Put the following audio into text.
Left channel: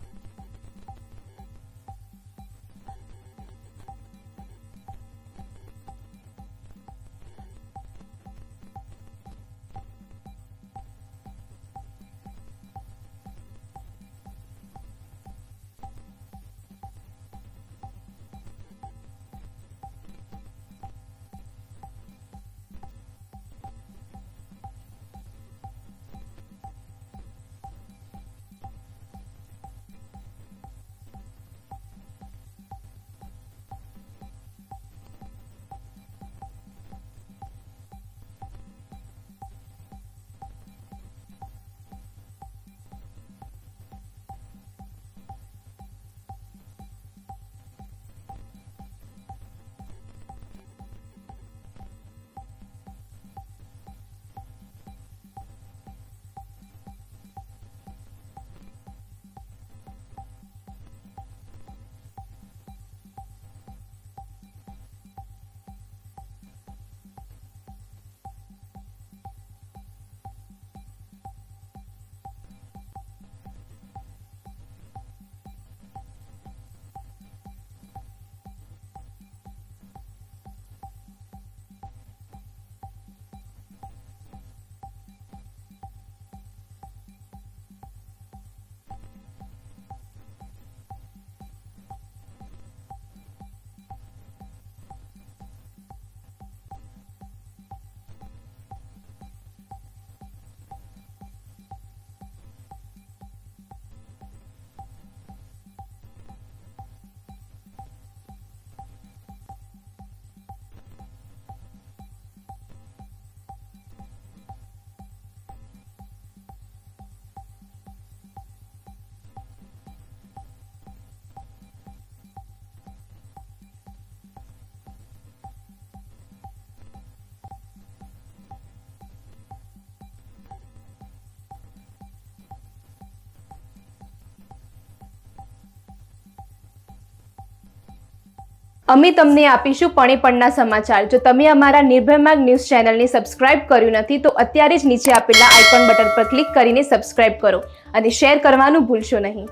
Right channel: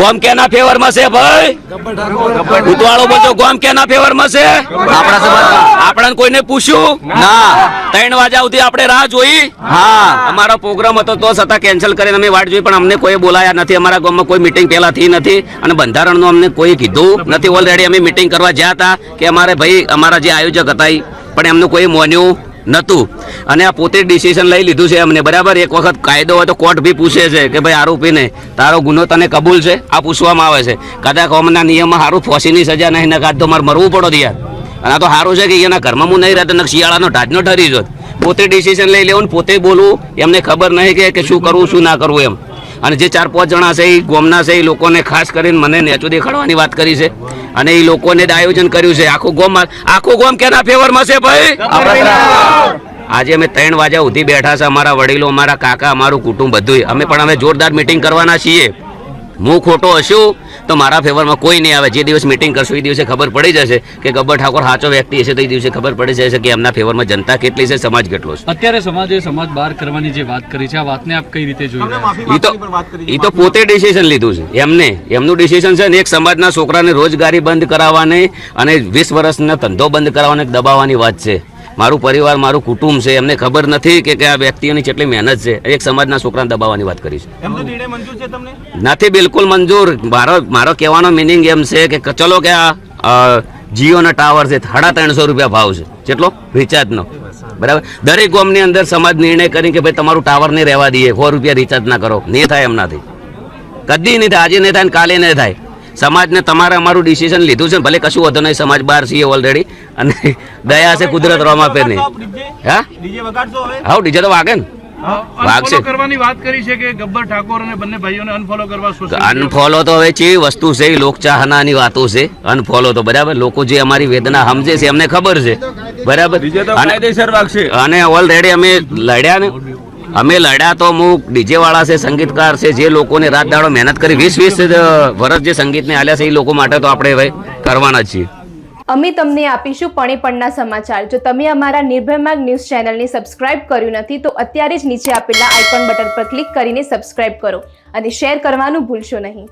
ગોમ કેના ફેવરમાં છે ભાઈ? ઉતવાળો બોલજો, ગોમ કેના ફેવરમાં છે? આપણા સમાજ. આપણે કોઈને પૂછ્યું ના. 3 વાગ્યા સુધી આપણે રાહ જોઈ. હા, અમારો પ્રોગ્રામ હતો તો છતાં કેન્સલ કરીને અમે વાટ જોઈ, પણ અમને કોઈ બોલાયા નથી. અમારા ગામમાં કોઈ મીટિંગ પહેલા થઈ નથી અને બંધારણનું અમને કોઈ કીધું નથી. ઓલરેડી અમે મીટિંગ કરવા જ્યાં હતા કે અમારે ભાઈ અમારા જે આયોજક હતા પણ એમનું કોઈ માન્યું નતું અને આ પોતે ડિસિઝન લઈ લીધું છે અમને. બરાબર, એક વખત કાયદો હોય તો કોર્ટ બી પૂછે છે કે ભાઈ આરોપીને તારો ગુનો તને કબૂલ છે? આ પૂછવામાં આવે છે. કદાચ અમના નિયમમાં સારું ફોસીની સજા નહીં નખાત તો મારે મરવું પડો યાર. અને આ તો સારું છે કે એના ઘરમાં હું નહીં રહેતો, શિયાળાનો ઢાજનો ઠરી જોત. પોતે ડિસિઝન લઈ લેવું ને પોતે બોલવું, એમને ખબર નહીં કે શું કરવું શું ના કરવું એમ. અને જે 4-5 જણા છે એ ગોમના છે, એ લોકોને ખાસ કરીને મને નેચું દેખાડવાની વાત કરી છે અને એ લોકોને જ આયોજન કર્યું છે. આખું ગોમ કેના ફેવરમાં છે ભાઈ? આજે અમે 3 વાગ્યા સુધી બેઠા છે. અમારા વડીલો, અમારા કાકા, અમારું કુટુંબ બધું. અમે પણ અમે જોરદાર મિટિંગ કરવાના છીએ. હું ખોટો હશું તો મારા ફેવરમાં કોઈ નહીં આવે. જે દિવસ મિટિંગ કરશું એ દિવસે ખબર પડી જશે કે ગબ્બર ઠાકોર સાચો વ્યક્તિ હશે તો એ દિવસે ખબર પડી જશે કે એમના ફેવરમાં જનતા કેટલી છે, સમાજ કેટલો છે. અત્યારે સમાજ બહાર કરવાની જે વાત કરી છે, આ વાતને આપ કઈ રીતે જોઈ રહ્યા છો? એ તો પોતે ડિસિઝન લીધું છે એમનું ડિસિઝન છે ને. એક સમાજના છોકરાને રોજગારી બંધ કરાવવાની અને 20 વર્ષનો ધંધો બંધ કરાવવાની દબાવવાની વાત છે. મારું પરિવાર, મારું કુટુંબ છે, એમને ખબર નથી કે આ વ્યક્તિઓની કેટલી મહેનત છે. એક સમાજના છોકરાને દબાવવાની વાત કરી છે. નથી બિલકુલ મંજૂર. મારો કહેવાનો મિનિંગ એમ છે કે ચલો કે આ જીઓના ટાવર છે, 350 રૂપિયા ભાવ છે. કેટલો? રિચાર્જનો. બરાબર, દરેક ગામની અંદર સમાજ નિર્ણય કરી કે ભાઈ તમારું ટાવર નહીં રહેવા દઈએ, 100 રૂપિયા રિચાર્જ ના કરો. નહીં થાય એમનાથી, કદી નહીં થાય. આજે નહીં થાય ને કાલે નહીં થાય. સમાજને તમારે અમારું ડિસિઝન લીધું છે, ભલે કશું વધુ નહીં. સમાજ બહાર છીએ ઓલરેડી અને દયા છે કુદરત રોમા પે નહીં. હા, ડીજે તો વાગે ને, વાગશે. કરવાની વાત કરી છે કે ગબ્બર ઠાકોર અને બંને ભાઈઓને અનફોલો કરવા. અનફોલો તો હવે ચેવી વસ્તુ છે, લોકચાહનાની વાતો છે. અનફોલો તો બરાબર, લોકો જે અમારી વેદના સમજે છે એમને ખબર છે. બરાબર, અને ઓલરેડી અમે લડ્યા તો અમુક ડીજે વાળા છે, સંગીતકાર છે, જે લોકોને રાત દાડો મહેનત કરી 20 વર્ષ જે સંગીતને આલ્યા છે એ લોકો માટે તો આપણે હવે કરવાના જ છીએ. અમે તમને આપીશું પણેપણના સમાચાર. જો તમે અમારા નિર્ભય માર્ગ ન્યૂઝ ચેનલને સબસ્ક્રાઇબ કર્યું નથી તો અત્યારે જ નીચે આપેલા આઇકોન બટન પર ક્લિક કરીને સબસ્ક્રાઇબ કરો અને શેર કરવાનું ભૂલશો નહીં.